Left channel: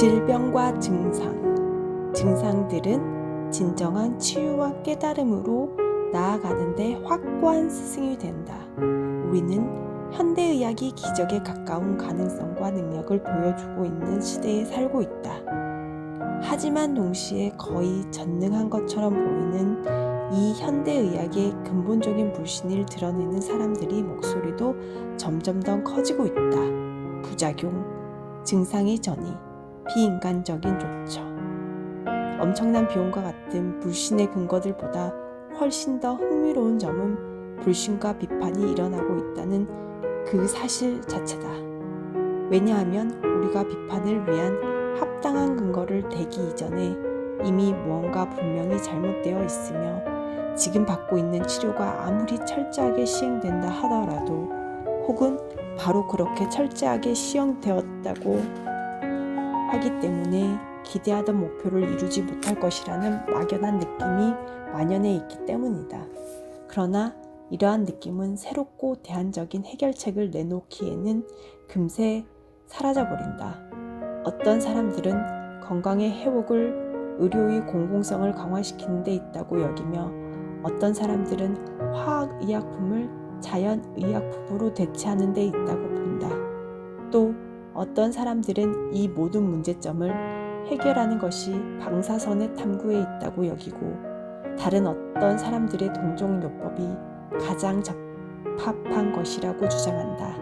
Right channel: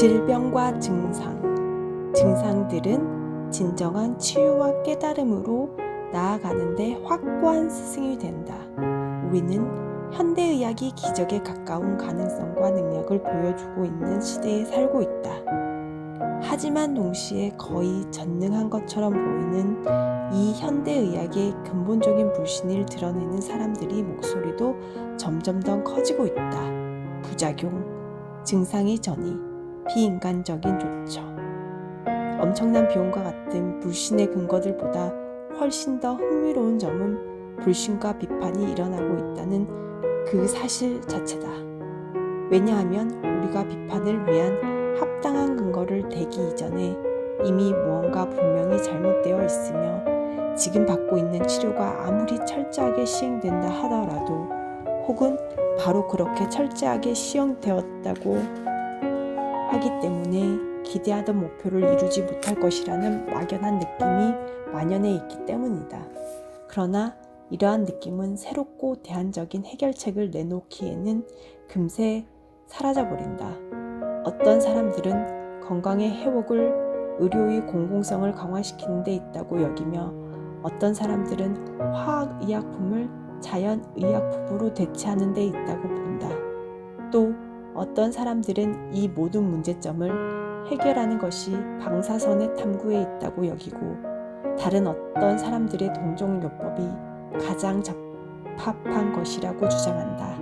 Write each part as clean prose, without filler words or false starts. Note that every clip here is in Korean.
질병과 증상들은 진정한 치유와 깨달음으로 나아가는 데 확고한 스승이 된다. 우리는 현대의학이 기적에 가까운 가능성과 능력을 보여주고 있는 시대에 살고 있다. 하지만 동시에 거의 전능한 것처럼 보이는 이 현대의학의 근본적인 불신을 드러내는 사람들이 목소리도 점점 더 커지고 있다. 부작용, 증상의 전이, 비인간적인 조처. 엄청난 비용과 같은 불신의 근거들보다 훨씬 더 흥미로운 점은 불신과 비판이 일어나고 있다는 그 사실 자체다. 왜냐하면 우리가 비판을 위한 합당한 근거를 대기 이전에 이미 무언가 분명히 잘못되어 있으며 지금 받고 있는 치료가 아무리 철저하게 시행된다 하더라도 혹은 바로 그렇게 철저하게 시행되었다고 하기 때문에 기대하던 목표를 이루지 못할 것이라는 막연한 느낌이 만연해 있기 때문이다. 그러나 이러한 느낌은 새롭고 대안적인 해결책을 내놓기에는 금세 사라져버린다. 어떤 사람들은 건강의 회복을 의료의 공공성을 강화시키는 데 있다고 여기며 어떤 사람들은 화학의약품을 자연의약품으로 대체하는 데 있다고 본다. 또 어떤 사람들은 이 모든 문제점을 해결하는 것이 방사선의 탐구에 있다고 여기고 다른 어떤 사람들의 동종요법이 가장 적합한 것이라고 주장한다.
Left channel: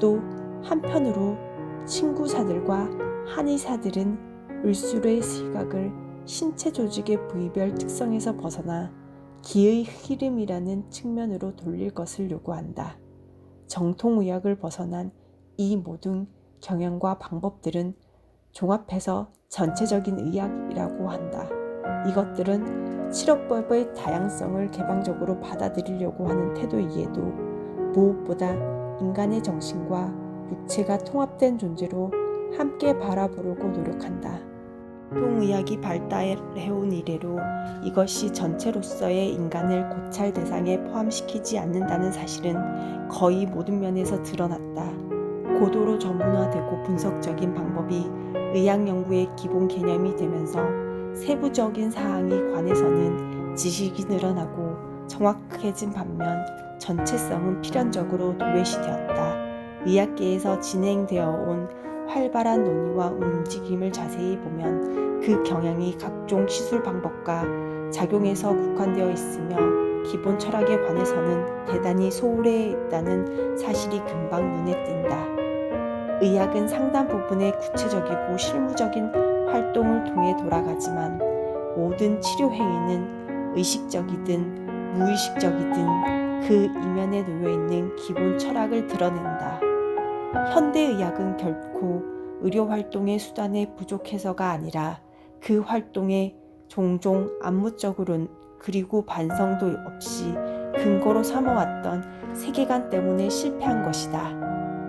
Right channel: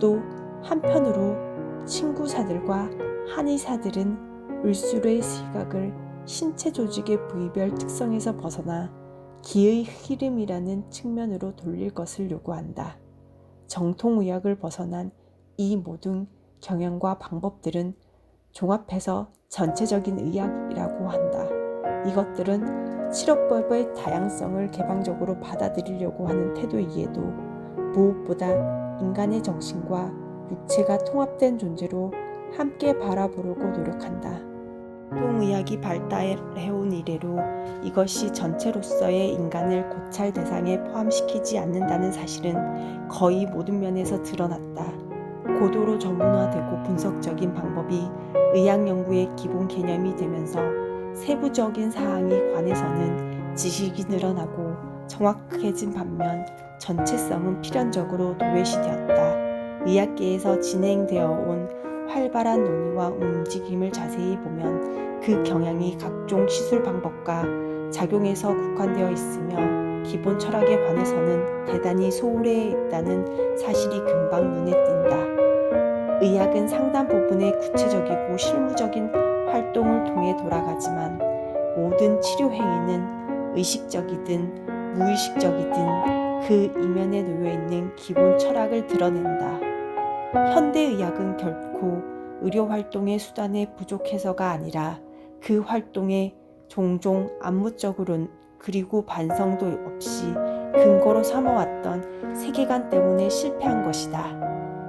또 한편으로 친구사들과 한의사들은 을술의 시각을 신체 조직의 부위별 특성에서 벗어나 기의 흐름이라는 측면으로 돌릴 것을 요구한다. 정통의학을 벗어난 이 모든 경향과 방법들은 종합해서 전체적인 의학이라고 한다. 이것들은 치료법의 다양성을 개방적으로 받아들이려고 하는 태도이에도 무엇보다 인간의 정신과 육체가 통합된 존재로 함께 바라보려고 노력한다. 동의학이 발달해온 이래로 이것이 전체로서의 인간을 고찰 대상에 포함시키지 않는다는 사실은 거의 모든 면에서 드러났다. 고도로 전문화되고 분석적인 방법이 의학 연구의 기본 개념이 되면서 세부적인 사항에 관해서는 지식이 늘어나고 정확해진 반면 전체성은 필연적으로 도외시되었다. 의학계에서 진행되어 온 활발한 논의와 움직임을 자세히 보면 그 경향이 각종 시술 방법과 작용에서 국한되어 있으며 기본 철학에 관해서는 대단히 소홀해 있다는 사실이 금방 눈에 띈다. 의학은 상당 부분의 구체적이고 실무적인 활동을 통해 돌아가지만 모든 치료 행위는 의식적이든 무의식적이든 그 이면에 놓여있는 기본 철학을 드러낸다. 현대의학은 결코 의료활동의 수단에 부족해서가 아니라 그 활동에 종종 암묵적으로 그리고 반성도 없이 근거로 삼아왔던 세계관 때문에 실패한 것이다.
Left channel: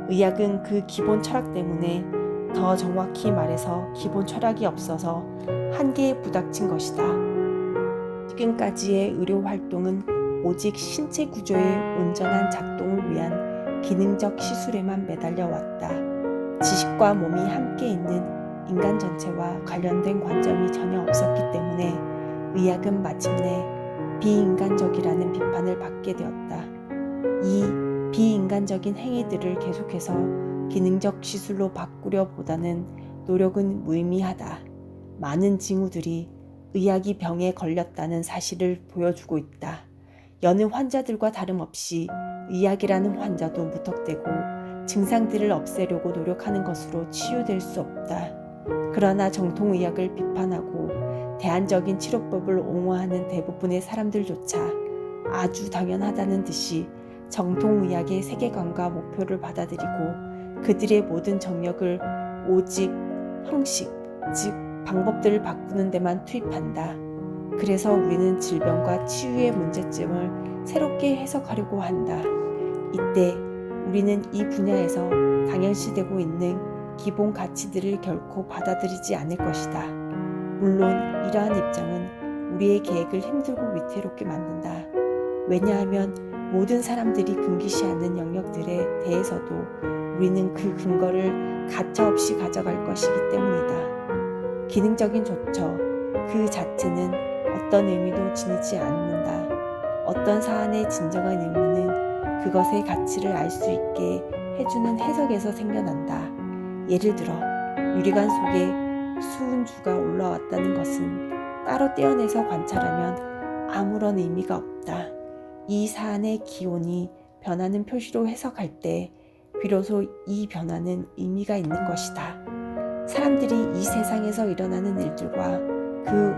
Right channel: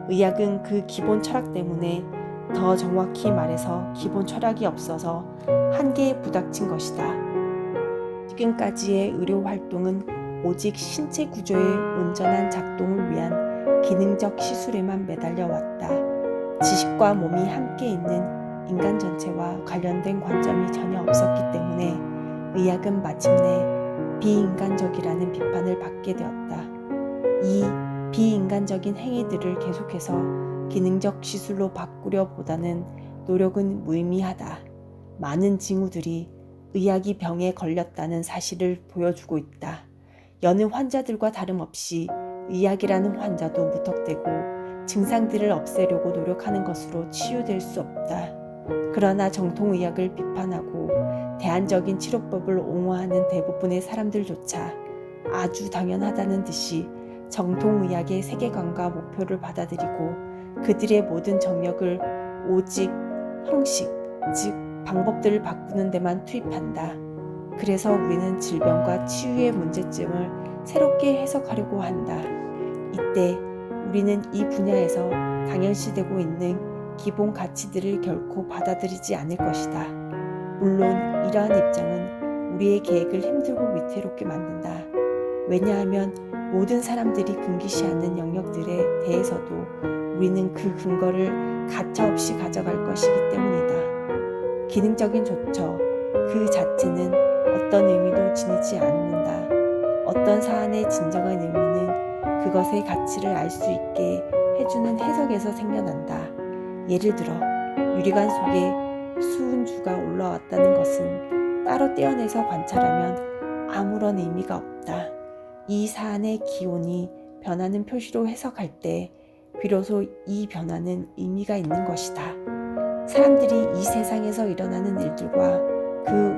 의학은 그 기본 철학 때문에 더 정확히 말해서 기본 철학이 없어서 한계에 부닥친 것이다. 지금까지의 의료활동은 오직 신체 구조의 온전한 작동을 위한 기능적 시술에만 매달려 왔다. 지식과 몸이 함께 있는 인간 전체와 관련된 관점이 전혀 없었기 때문에 의학은 마침내 비인간적이라는 비판을 받게 되었다. 이 비인간적인 행위들을 계속해서 기능적 시술로 바꾸려 보다는 노력은 무의미하다. 많은 징후들이 의학이 병에 걸렸다는 사실을 보여주고 있다. 여느 환자들과 다름없이 의학이라는 환자도 무턱대고 증상들을 없애려고 노력하는 것으로 치유될 수 없다. 그러나 정통의학을 비판하고 대안적인 치료법을 옹호하는 대부분의 사람들조차 아주 당연하다는 듯이 정통의학의 세계관과 목표를 받아들이고 그들의 모든 정력을 오직 형식, 즉 방법들을 바꾸는 데만 투입한다. 그래서 우리는 질병과 치유의 문제점을 새롭게 해석하려고 한다. 이때 우리는 이 분야에서 당연시되고 있는 기본 가치들을 결코 받아들이지 않을 것이다. 물론 이러한 입장은 우리의 계획을 힘들고 위태롭게 만든다. 왜냐하면 모든 사람들이 금기시하는 영역들에 대해서도 우리는 그 근거를 가차없이 가져갈 것이기 때문이다. 기능적인 조처 그 자체는 어떤 의미도 지니지 않는다. 어떤 사안의 진정한 의미는 그것의 가치를 알 수 있게 해주는 해석에서 생겨난다. 예를 들어 유리관 속에 수은주가 올라왔다는 것은 따로 떼어내서 관찰하면 아무런 의미가 없다. 이 사안의 기온이 변하는 표시로 해석할 때 비로소 이 변화는 의미가 있는 것이다. 사람들이 이 세상에서 일어나는 일들과 그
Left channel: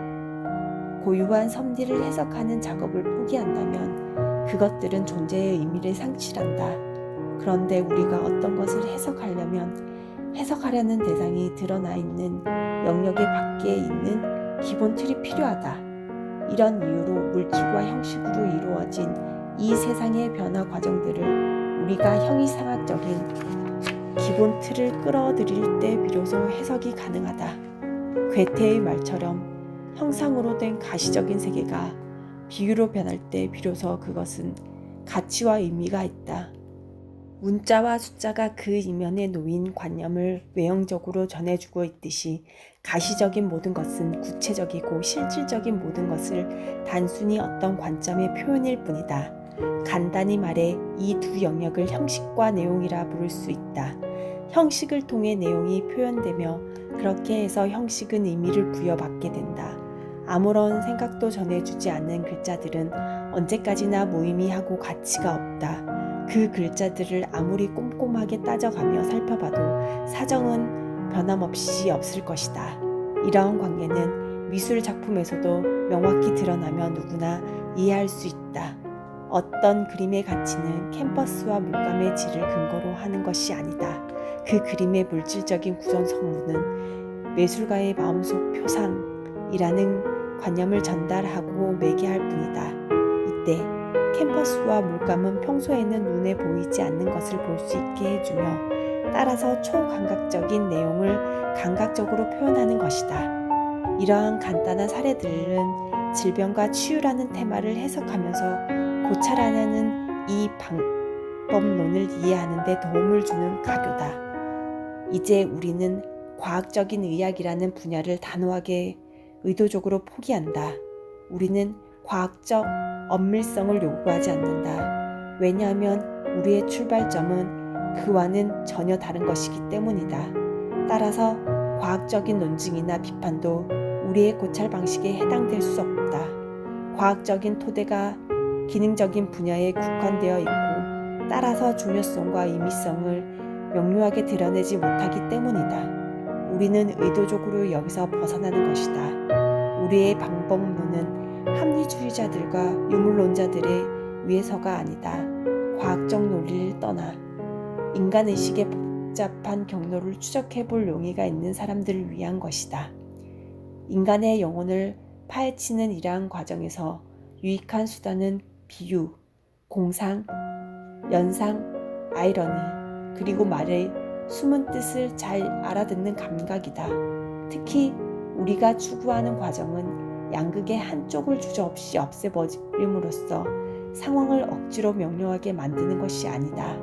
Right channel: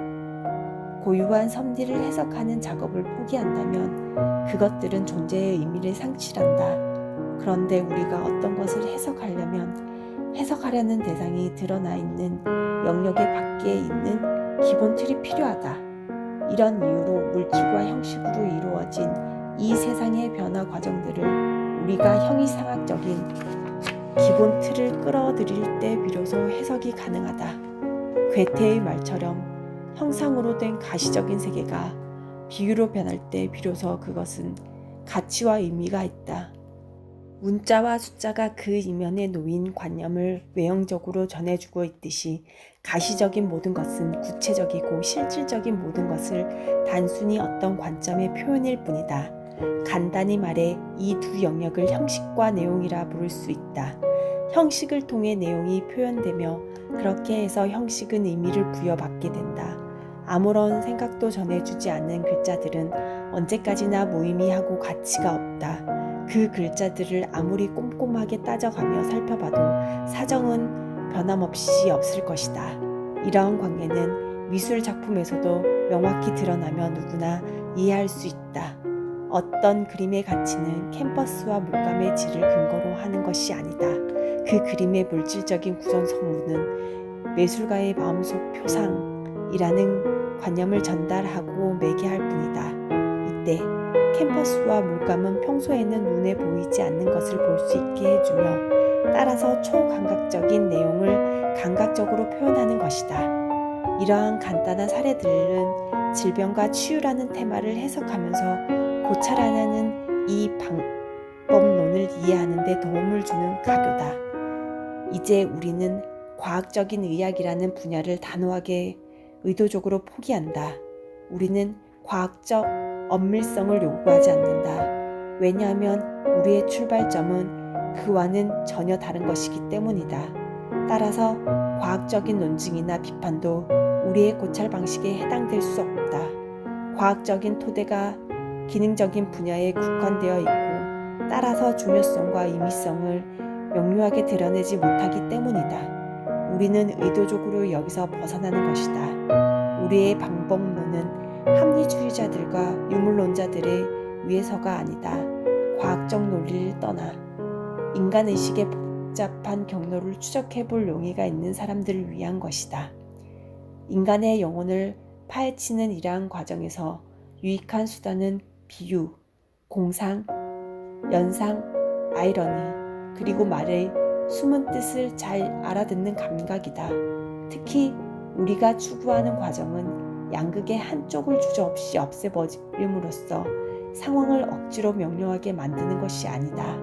고유한 섭리를 해석하는 작업을 포기한다면 그것들은 존재의 의미를 상실한다. 그런데 우리가 어떤 것을 해석하려는 대상이 드러나 있는 영역의 밖에 있는 기본 틀이 필요하다. 이런 이유로 물질과 형식으로 이루어진 이 세상의 변화 과정들을 우리가 형이상학적인 기본 틀을 끌어들일 때 비로소 해석이 가능하다. 괴테의 말처럼 형상으로 된 가시적인 세계가 비유로 변할 때 비로소 그것은 가치와 의미가 있다. 문자와 숫자가 그 이면에 놓인 관념을 외형적으로 전해주고 있듯이 가시적인 모든 것은 구체적이고 실질적인 모든 것을 단순히 어떤 관점의 표현일 뿐이다. 간단히 말해 이 두 영역을 형식과 내용이라 부를 수 있다. 형식을 통해 내용이 표현되며 그렇게 해서 형식은 의미를 부여받게 된다. 아무런 생각도 전해주지 않는 글자들은 언제까지나 무의미하고 가치가 없다. 그 글자들을 아무리 꼼꼼하게 따져가며 살펴봐도 사정은 변함없이 없을 것이다. 이러한 관계는 미술 작품에서도 명확히 드러나며 누구나 이해할 수 있다. 어떤 그림의 가치는 캔버스와 물감의 질을 근거로 하는 것이 아니다. 그 그림의 물질적인 구성 성분은 매술가의 마음속 표상이라는 관념을 전달하고 매개할 뿐이다. 이때 캔버스와 물감은 평소에는 눈에 보이지 않는 것을 볼 수 있게 해주며 따라서 초감각적인 내용을 감각적으로 표현하는 것이다. 이러한 간단한 사례들은 질병과 치유라는 테마를 해석하면서 고찰하려는 이 방법론을 이해하는 데 도움을 주는 가교다. 이제 우리는 과학적인 의학이라는 분야를 단호하게 의도적으로 포기한다. 우리는 과학적 엄밀성을 요구하지 않는다. 왜냐하면 우리의 출발점은 그와는 전혀 다른 것이기 때문이다. 따라서 과학적인 논증이나 비판도 우리의 고찰 방식에 해당될 수 없다. 과학적인 토대가 기능적인 분야에 국한되어 있고 따라서 중요성과 의미성을 명료하게 드러내지 못하기 때문이다. 우리는 의도적으로 여기서 벗어나는 것이다. 우리의 방법론은 합리주의자들과 유물론자들의 위해서가 아니다. 과학적 논리를 떠나 인간의식의 복잡한 경로를 추적해볼 용의가 있는 사람들을 위한 것이다. 인간의 영혼을 파헤치는 이러한 과정에서 유익한 수단은 비유, 공상, 연상, 아이러니, 그리고 말의 숨은 뜻을 잘 알아듣는 감각이다. 특히 우리가 추구하는 과정은 양극의 한쪽을 주저없이 없애버림으로써 상황을 억지로 명료하게 만드는 것이 아니다.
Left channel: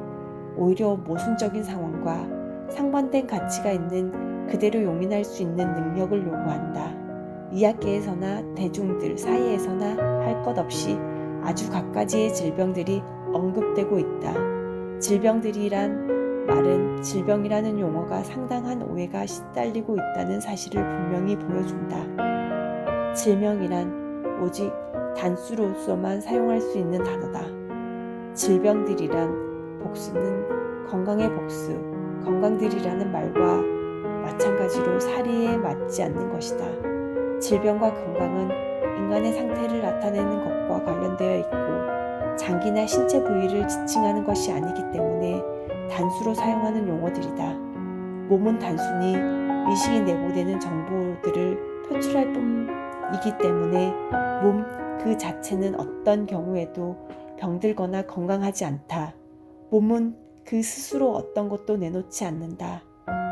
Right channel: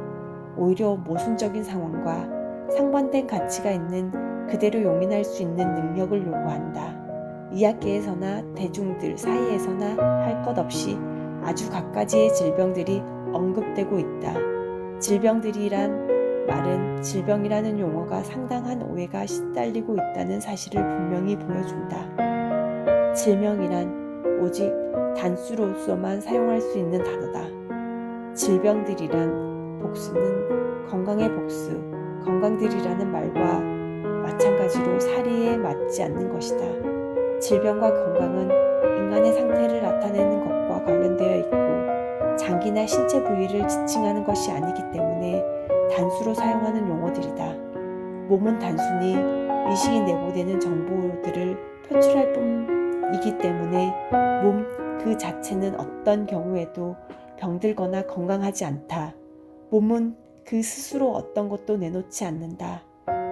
오히려 모순적인 상황과 상반된 가치가 있는 그대로 용인할 수 있는 능력을 요구한다. 의학계에서나 대중들 사이에서나 할 것 없이 아주 갖가지의 질병들이 언급되고 있다. 질병들이란 말은 질병이라는 용어가 상당한 오해가 시달리고 있다는 사실을 분명히 보여준다. 질병이란 오직 단수로서만 사용할 수 있는 단어다. 질병들이란 복수는 건강의 복수, 건강들이라는 말과 마찬가지로 사리에 맞지 않는 것이다. 질병과 건강은 인간의 상태를 나타내는 것과 관련되어 있고 장기나 신체 부위를 지칭하는 것이 아니기 때문에 단수로 사용하는 용어들이다. 몸은 단순히 의식이 내보내는 정보들을 표출할 뿐이기 때문에 몸 그 자체는 어떤 경우에도 병들거나 건강하지 않다. 몸은 그 스스로 어떤 것도 내놓지 않는다.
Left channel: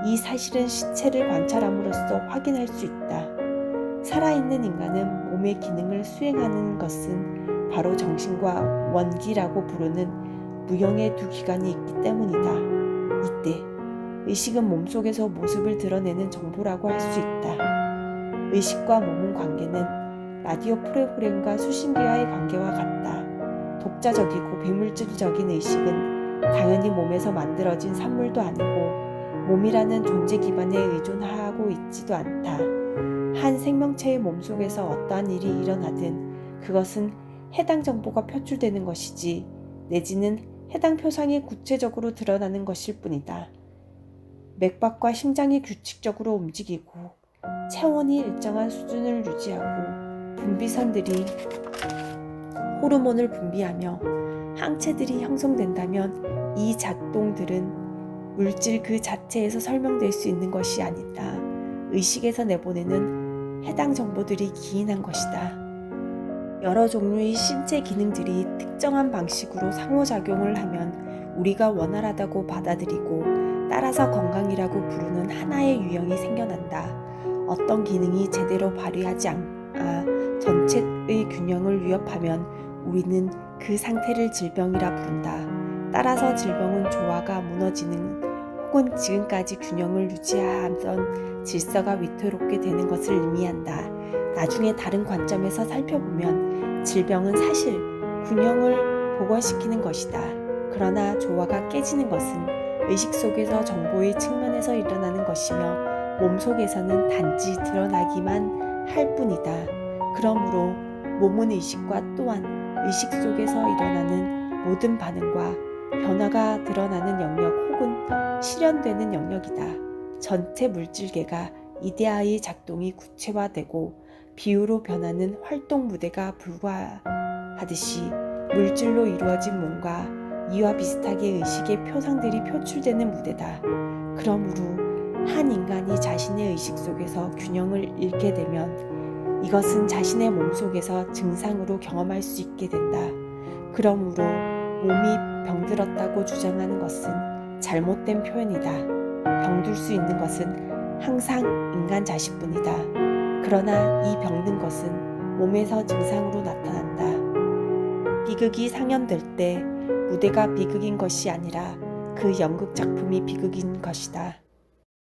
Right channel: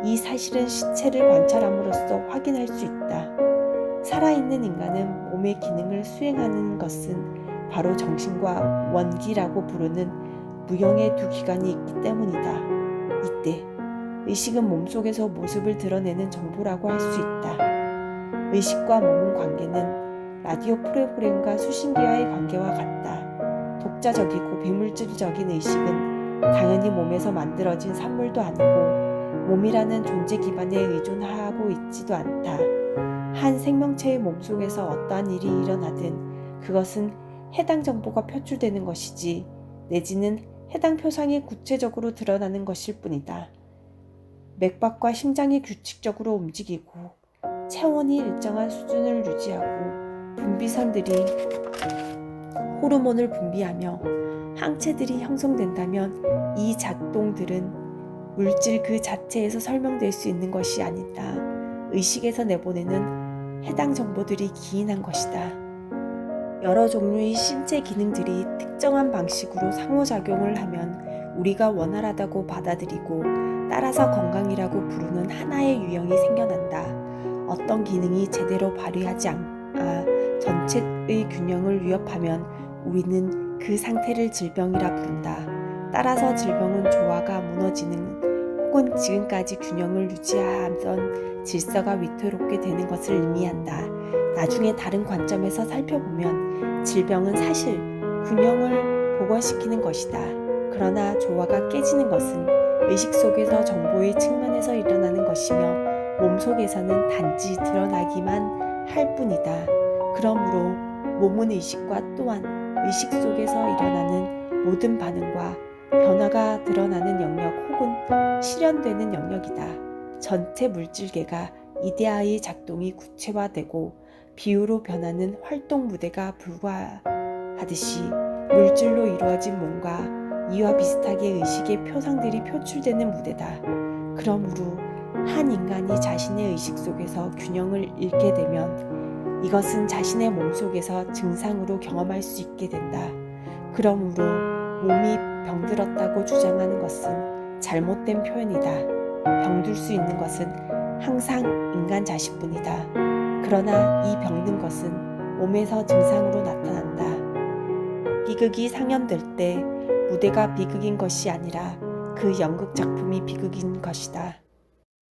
이 사실은 시체를 관찰함으로써 확인할 수 있다. 살아있는 인간은 몸의 기능을 수행하는 것은 바로 정신과 원기라고 부르는 무형의 두 기관이 있기 때문이다. 이때 의식은 몸속에서 모습을 드러내는 정보라고 할 수 있다. 의식과 몸은 관계는 라디오 프로그램과 수신기와의 관계와 같다. 독자적이고 비물질적인 의식은 당연히 몸에서 만들어진 산물도 아니고 몸이라는 존재 기반에 의존하고 있지도 않다. 한 생명체의 몸속에서 어떠한 일이 일어나든 그것은 해당 정보가 표출되는 것이지 내지는 해당 표상이 구체적으로 드러나는 것일 뿐이다. 맥박과 심장이 규칙적으로 움직이고 체온이 일정한 수준을 유지하고 분비선들이 호르몬을 분비하며 항체들이 형성된다면 이 작동들은 물질 그 자체에서 설명될 수 있는 것이 아니다. 의식에서 내보내는 해당 정보들이 기인한 것이다. 여러 종류의 신체 기능들이 특정한 방식으로 상호작용을 하면 우리가 원활하다고 받아들이고 따라서 건강이라고 부르는 하나의 유형이 생겨난다. 어떤 기능이 제대로 발휘하지 않아 전체의 균형을 위협하면 우리는 그 상태를 질병이라 부른다. 따라서 질병은 조화가 무너지는 혹은 지금까지 균형을 유지하던 질서가 위태롭게 되는 것을 의미한다. 나중에 다른 관점에서 살펴보면 질병은 사실 균형을 복원시키는 것이다. 그러나 조화가 깨지는 것은 의식 속에서 정보의 측면에서 일어나는 것이며 몸 속에서는 단지 드러나기만 할 뿐이다. 그러므로 몸은 의식과 또한 의식 속에서 일어나는 모든 반응과 변화가 드러나는 영역 혹은 실현되는 영역이다. 전체 물질계가 이데아의 작동이 구체화되고 비유로 변하는 활동 무대가 불과하듯이 물질로 이루어진 몸과 이와 비슷하게 의식의 표상들이 표출되는 무대다. 그러므로 한 인간이 자신의 의식 속에서 균형을 잃게 되면 이것은 자신의 몸속에서 증상으로 경험할 수 있게 된다. 그러므로 몸이 병들었다고 주장하는 것은 잘못된 표현이다. 병들 수 있는 것은 항상 인간 자신뿐이다. 그러나 이 병든 것은 몸에서 증상으로 나타난다. 비극이 상연될 때 무대가 비극인 것이 아니라 그 연극 작품이 비극인 것이다.